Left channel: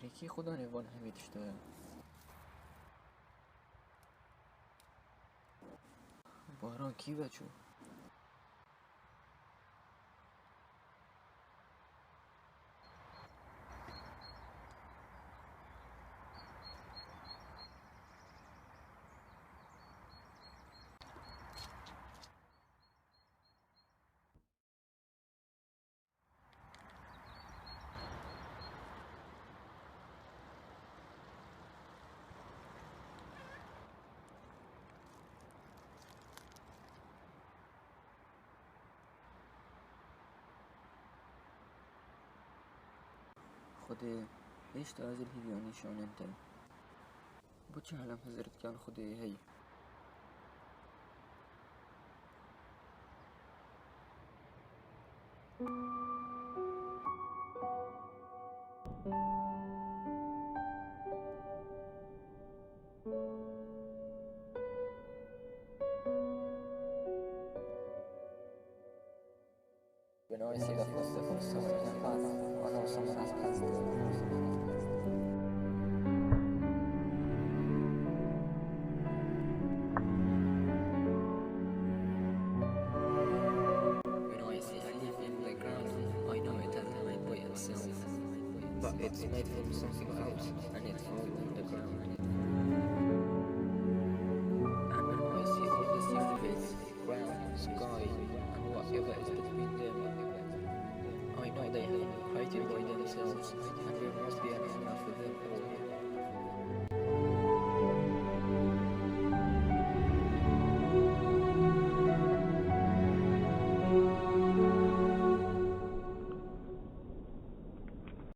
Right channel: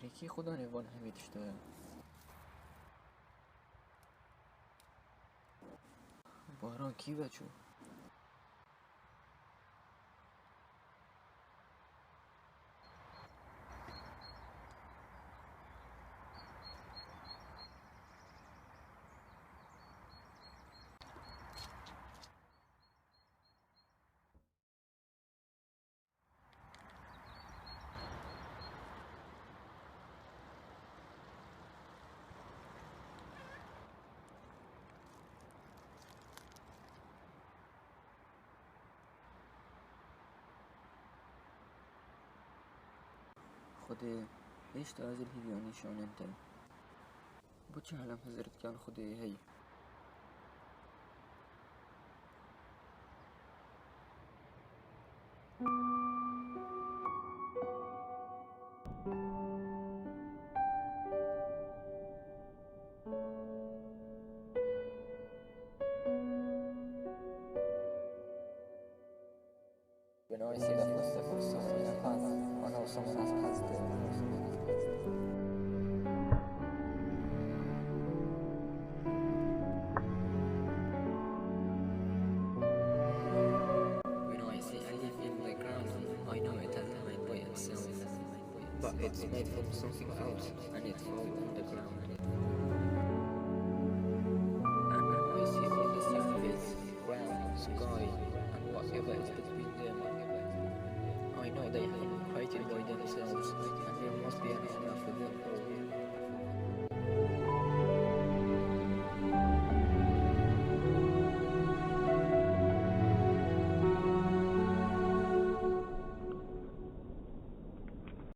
تاریکی خدا روان همید işte. باران کی بچو؟ خدای ايش تازل هيفيوني شلون انت بوش عالم هزرت كان خدای هي بنوع سيدا فلسطة فرصة وإلى فاس أنا وصمنا قصد When I say I live in the ground, I know it has made by itself, but it's made from something else, and it's all underground. And when I see all the surface, ground, sky, and whatever is between them, I know they have been created by themselves, and there must be an owner for them all.